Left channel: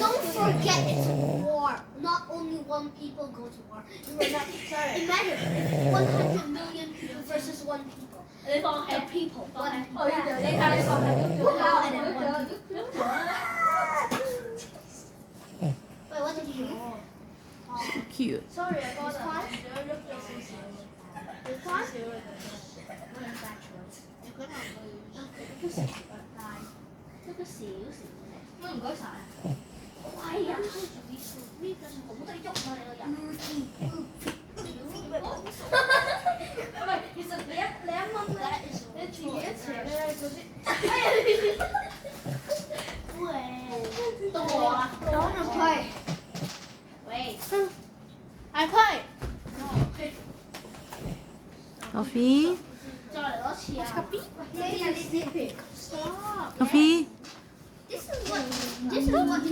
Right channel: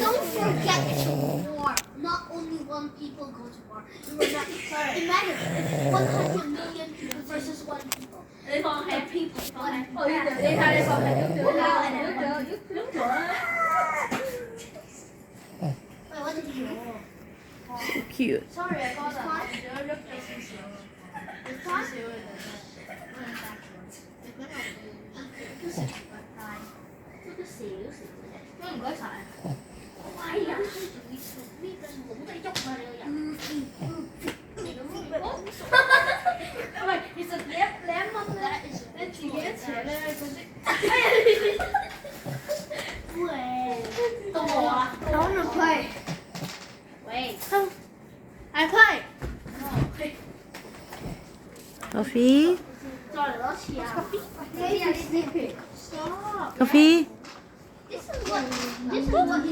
Don't forget it's war. Not only one people go to war. Imagine 100 million people versus one people. The people. Wait, what did you do? So cute. Sorry, I got I want to play. Wait. I play. Sophie? Stop. Sophie? This is what